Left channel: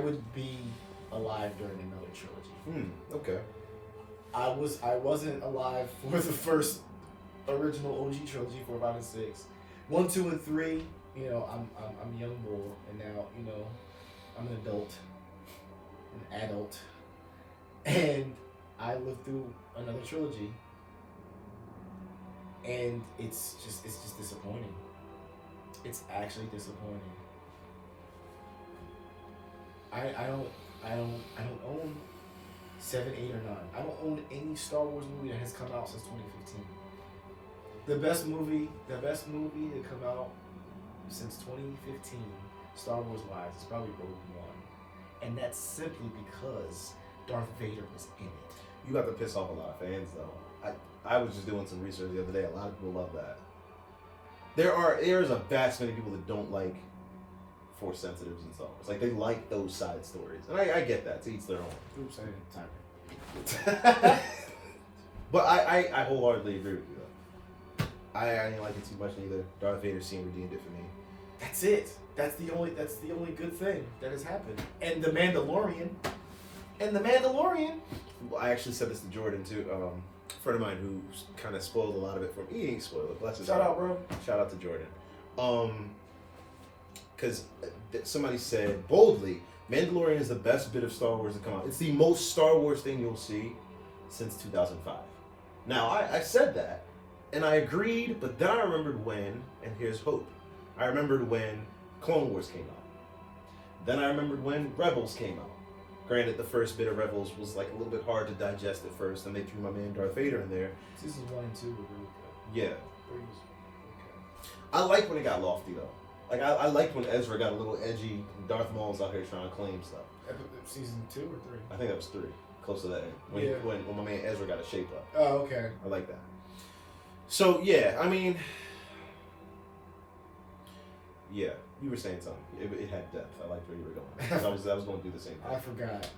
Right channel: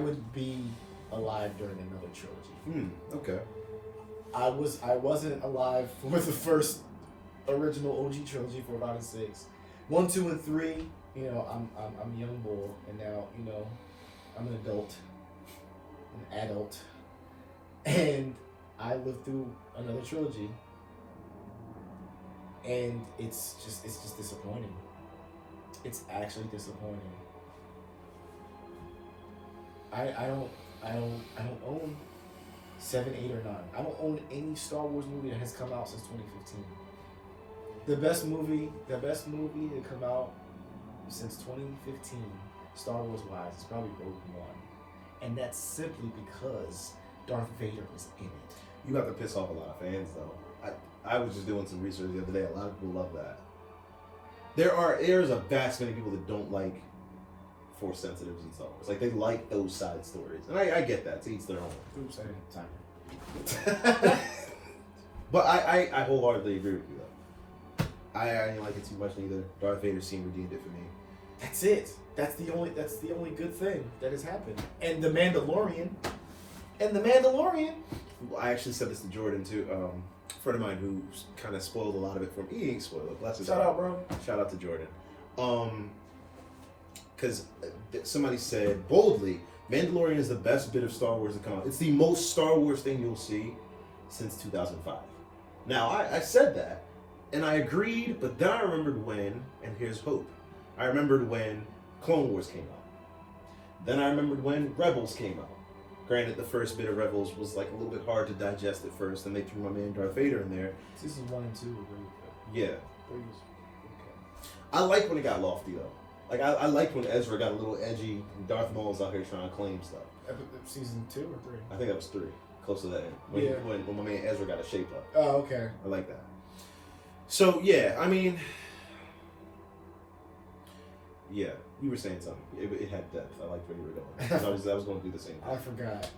would be alive during another trilogy. Okay. I wasn't alive for the first original OG trilogy, 4, 5, and 6. 1, 2, and 3. You know, I'm young bull, and now you know I'm an adult, and I lived through another trilogy, and it's just disappointing. It's actually disappointing. I don't own 7, 8, or 9. I don't own any Star Wars movie that has come out since 2015. The best movie to come out since 2015, Star Wars wise, is probably Rogue One, and that's simply because Darth Vader was in it. You got to piss off a lot of fans, though. I was just doing some research the other day. A lot of people love that. There's a vast many people that don't like Force sensitives and Star Wars. Like, they like those side stories, and I get that. To each their own. Oops, I didn't time. But I wholeheartedly agree with you, though. I didn't like it too much either. Darth Vader scene redeemed it for me. That's it. That's the only good thing that has happened. And the Mandalorian. I actually said this to Jordan too. A friend of mine who kind of spoiled a lot of it for me. He ain't spoiled it. Bless his heart. Shout out, bro. Shout out to Jordan. Because somebody said boldly, Mandalorian is the best bit of Star Wars to come out. It's the most Star Wars thing you'll see since 2005. Now, I said that, and I agreed, but then I remembered when, and here's hope. I remembered when Clone Wars came out. Then I remembered when Rebels came out. Granted, the first bit of Rebels was like a little bit hard to digest at first, and they threw my man Darth Vader in there. Seasons 1 and 2 were really good. Yeah. 3 was okay. I like when it got lofty, though. Like, I liked when Ezra got a little edgy, and Darth Maul's out here trying to claim stuff. Season 2 or 3? I think that was 3. Close to that end. When my man Ezra got a shape up. Oh, okay. I like that. So, yeah, I mean... Yeah, you were saying something. It had depth. I liked where you were going. I was going to do the same thing. I forgot.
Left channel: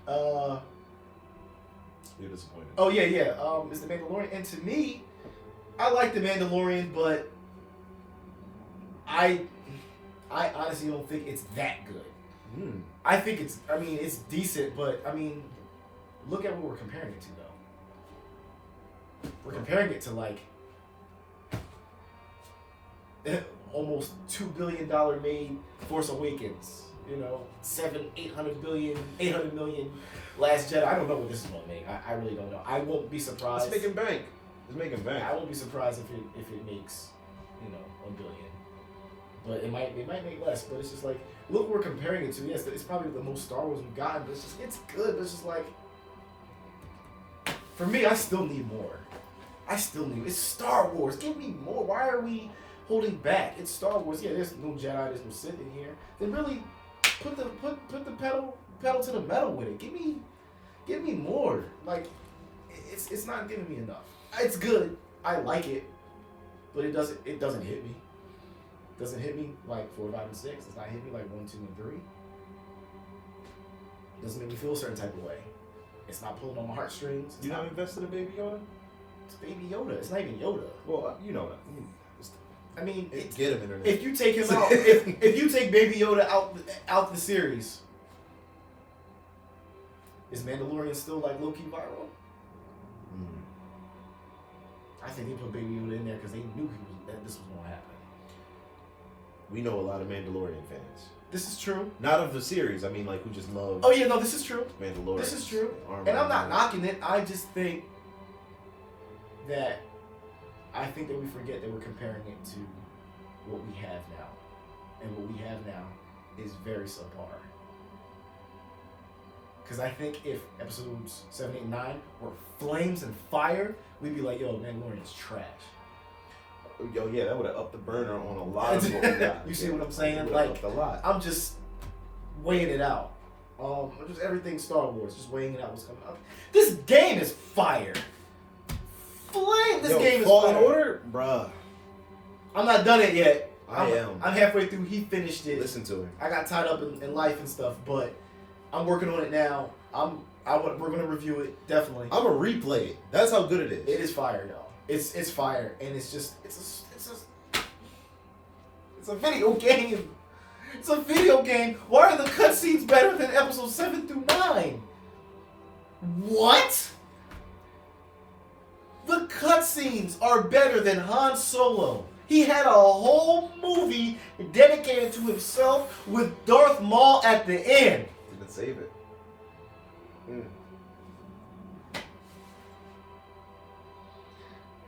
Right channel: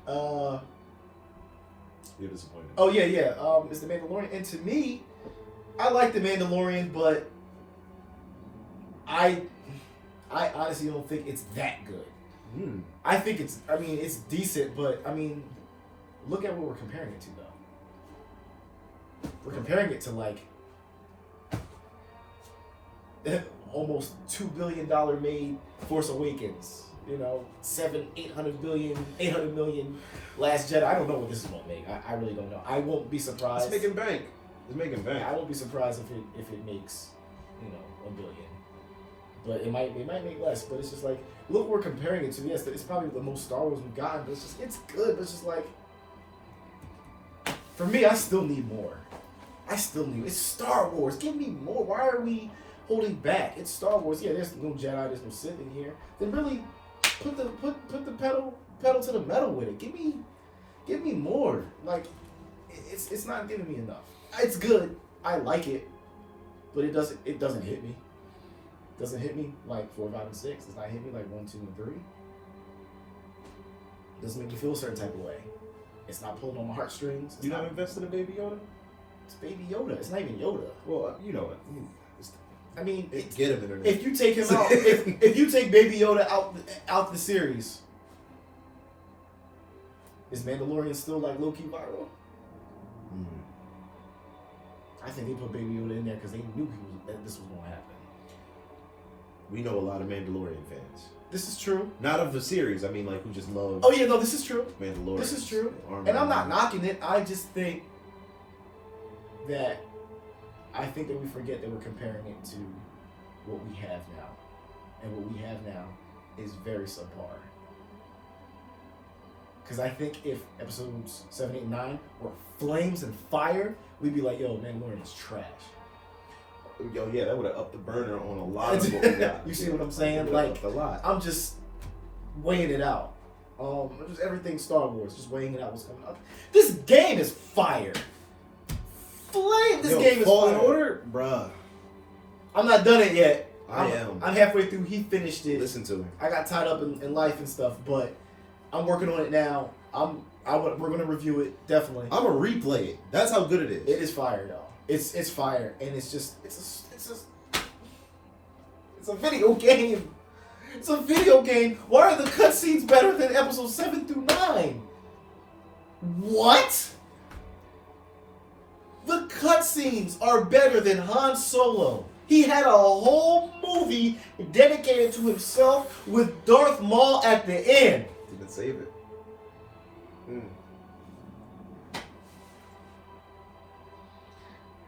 You're disappointed. Oh, yeah. It's the Mandalorian. And to me, I like the Mandalorian, but I honestly don't think it's that good. I think it's decent, but, look at what we're comparing it to, though. We're comparing it to, like, almost $2 billion made Force Awakens. You know, 800 million Last Jedi. I don't know what this is going to make. I really don't know. I won't be surprised. It's making bank. I won't be surprised if it makes, $1 billion. But it might make less. But it's just like, look what we're comparing it to. Yes, it's probably the most Star Wars we've gotten, but it's good. But it's just like, for me, I still need more. It's Star Wars. Give me more. Why are we holding back? It's Star Wars. Yeah, there's no Jedi, there's no Sith in here. Then really put the pedal to the metal with it. Give me more. Like, it's not giving me enough. It's good. I like it, but it doesn't hit me. It doesn't hit me like 4, 5, and 6. It's not hit me like 1, 2, and 3. It doesn't make me feel a certain type of way. It's not pulling on my heartstrings. You not invested in Baby Yoda? It's Baby Yoda. It's not even Yoda. Well, you know that. Get him internet. If you take him out, if you take Baby Yoda out the series, is Mandalorian still like low key viral? I think they put Baby Yoda in there because they knew that this was going to happen. We know a lot of Mandalorian fans. This is true. Not of the series. I mean, like, who just love. Oh yeah, no, this is true. Mandalorian. This is true. And I'm not knocking it. I just think that we forget that we're comparing it to what we have now, and what we have now is very subpar. Because I think if episodes 7, 8, 9 were flames and fire, we'd be like, yo, Mandalorian is trash. Yo, yeah, that would have upped the burner on a lot of what we got. You see what I'm saying? Like, a lot. I'm just weighing it out. Just everything Star Wars, just weighing it out what's coming up. This game is fire. This game is Fallen fire. Order? Bruh. I'm not done it yet. I'm halfway through. He finished it. Listen to him. I got tied up in life and stuff, but I'm working on it now. We're gonna review it definitely. I'm gonna replay it. That's how good it is. It is fire though. It's fire, and it's a video game. It's a video game. Why are the cutscenes better than episodes 7 through 9? What? The cutscenes are better than Han Solo. He had a whole movie dedicated to himself with Darth Maul at the end. Didn't save it.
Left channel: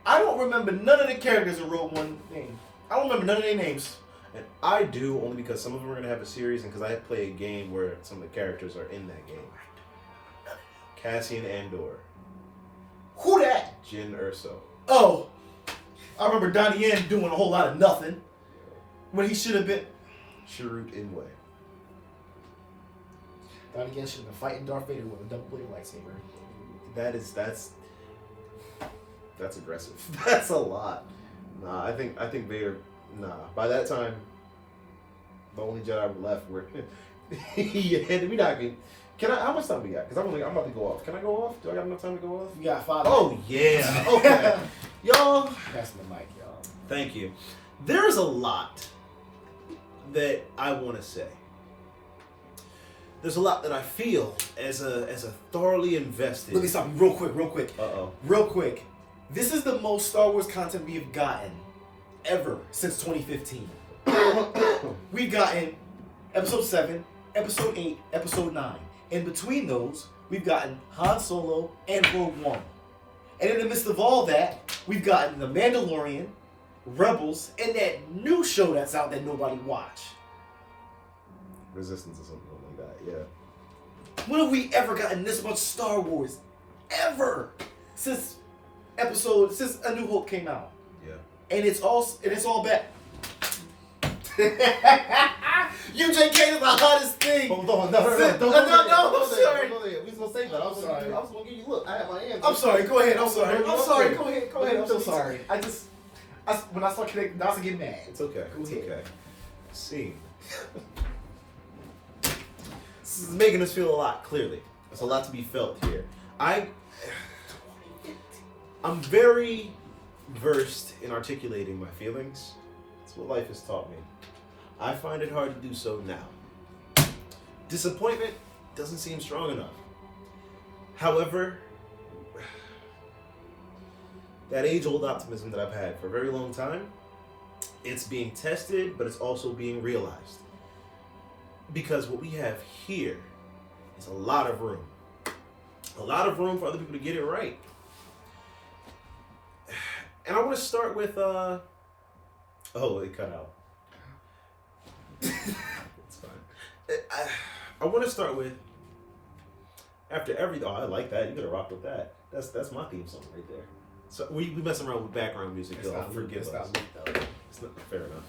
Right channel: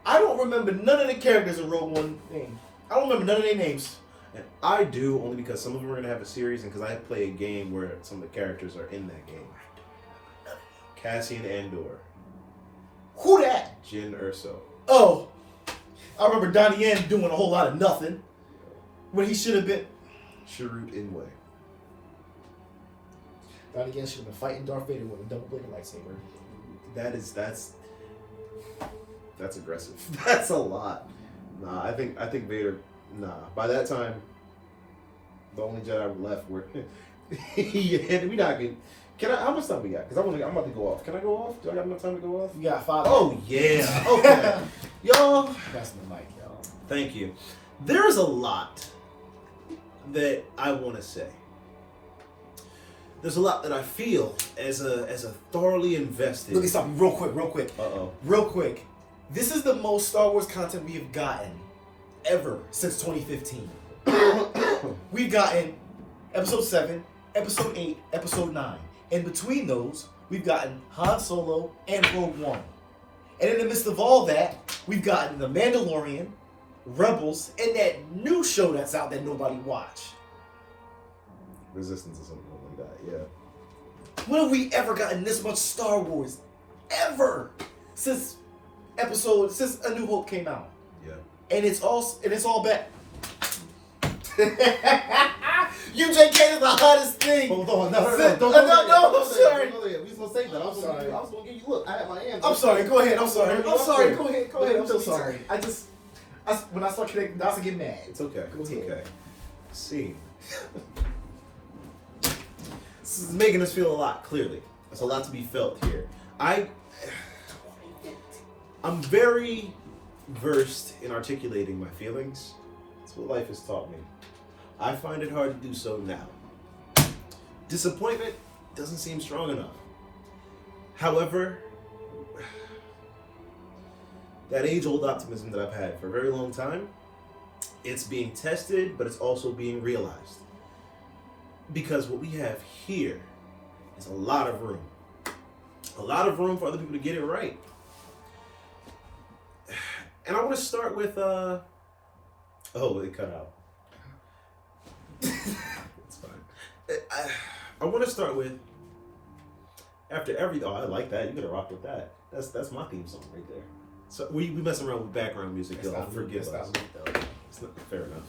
I don't remember none of the characters in Rogue One names. I don't remember none of their names. And I do, only because some of them are going to have a series, and because I play a game where some of the characters are in that game. Cassian Andor. Who that? Jyn Erso. Oh, I remember Donnie Yen doing a whole lot of nothing when he should have been. Chirrut Imwe. Donnie Yen should have been fighting Darth Vader with a double-bladed lightsaber. That's aggressive. That's a lot. Nah, I think Vader. Nah, by that time, the only Jedi left were. Yeah, we not good. Can I? How much time we got? Because I'm about to go off. Can I go off? Do I got enough time to go off? You got 5 Oh yeah. Okay, y'all. That's the mic, y'all. Thank you. There is a lot that I want to say. There's a lot that I feel as a thoroughly invested. Let me stop you real quick. Uh-oh. Real quick. This is the most Star Wars content we have gotten ever since 2015. We've gotten Episode 7, Episode 8, Episode 9. In between those, we've gotten Han Solo and Rogue One. And in the midst of all that, we've gotten The Mandalorian, Rebels, and that new show that's out that nobody watched. Resistance or something like that, yeah. When have we ever gotten this much Star Wars? Ever! Since A New Hope came out. Yeah. And it's all bad. UJK is the hottest thing. Hold on, no, I'm sorry. We was gonna say that. I was gonna give you. Look, I had my hands. I'm sorry. Go ahead. I'm sorry. Go ahead. I'm so sorry. When I start connecting dots, I get mad. It's okay. Go ahead. Okay. See, this is making us feel a lot. Clearly, there's a lot to be felt here. I'm very versed in articulating my feelings. That's what life has taught me. I find it hard to do so now. Disappointment doesn't seem strong enough. However, that age-old optimism that I've had for a very long time, it's being tested, but it's also being realized. Because what we have here is a lot of room. A lot of room for other people to get it right. And I want to start with, oh, it cut out. It's fine. I want to start with, after every, oh, I like that. You gotta rock with that. That's my theme song right there. So we mess around with background music, y'all. Forgive us. It's not fair enough.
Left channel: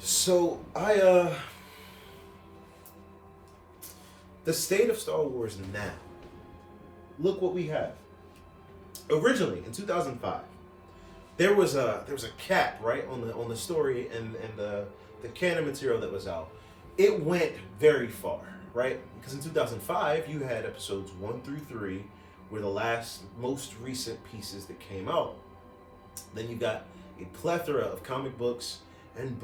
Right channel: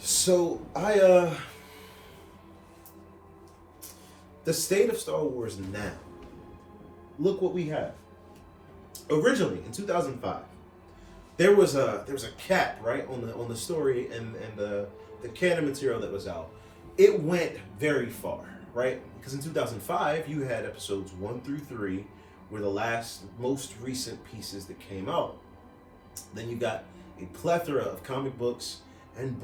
So the state of Star Wars now. Look what we have. Originally in 2005, there was a cap, right, on the story and the canon material that was out. It went very far, right? Because in 2005 you had episodes 1 through 3 were the most recent pieces that came out. Then you got a plethora of comic books and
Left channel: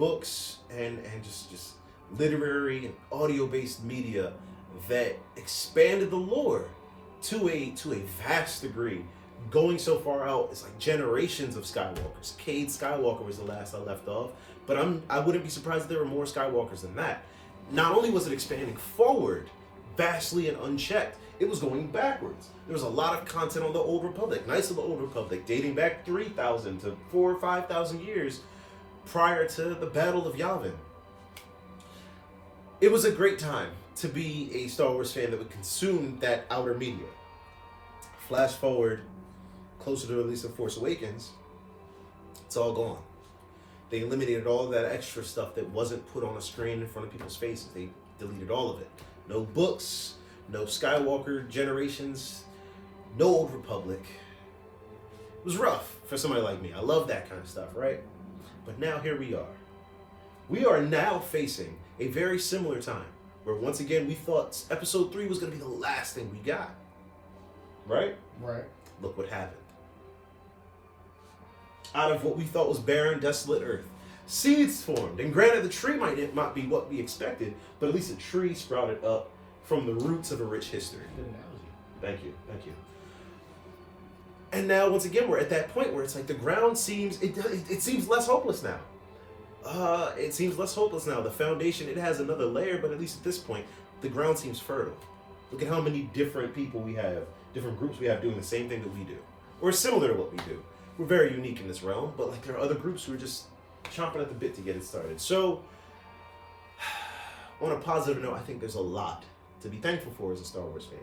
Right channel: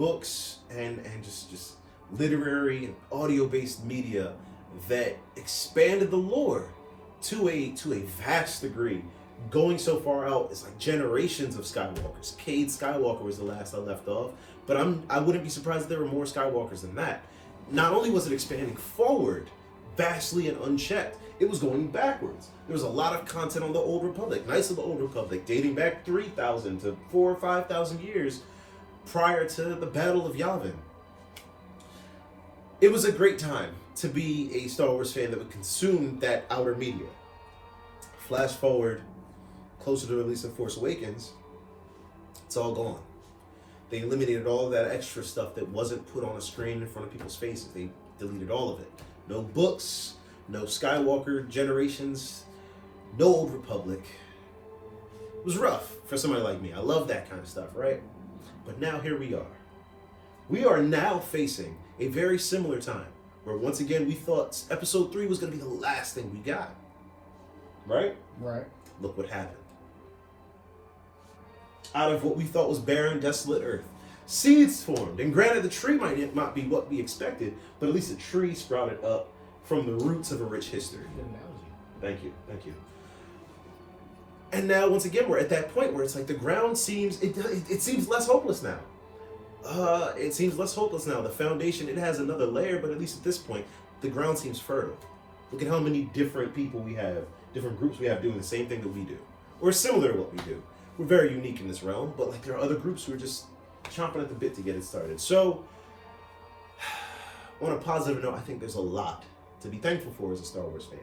just literary and audio-based media that expanded the lore to a vast degree, going so far out it's like generations of Skywalkers. Cade Skywalker was the last I left off, but I wouldn't be surprised if there were more Skywalkers than that. Not only was it expanding forward vastly and unchecked, it was going backwards. There was a lot of content on the Old Republic, Knights of the Old Republic, dating back 3,000 to 4,000 or 5,000 years prior to the Battle of Yavin. It was a great time to be a Star Wars fan that would consume that outer media. Flash forward closer to the release of Force Awakens, it's all gone. They eliminated all of that extra stuff that wasn't put on a screen in front of people's faces. They deleted all of it. No books, no Skywalker generations, no Old Republic. It was rough for somebody like me. I love that kind of stuff, right? But now here we are. We are now facing a very similar time where once again we thought episode 3 was going to be the last thing we got. Right? Right. Look what happened. Out of what we thought was barren, desolate Earth, seeds formed. And granted, the tree might not be what we expected, but at least a tree sprouted up from the roots of a rich history. Good analogy. Thank you. And now, once again, we're at that point where it's like the ground seems, it seems less hopeless now. It seems less hopeless now. The foundation, it has another layer, but at least at this point, the ground seems fertile. Look at how many different people we have, different groups we have doing the same thing that we do, or similar to what we do. We're very unique in this realm, but like there are other groups who are just chomping at the bit to get it started. So, on a positive note, I think there's a lot to be thankful for as a Star Wars fan.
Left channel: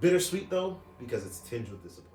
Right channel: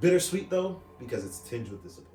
Bittersweet though, because it's tinged with disappointment.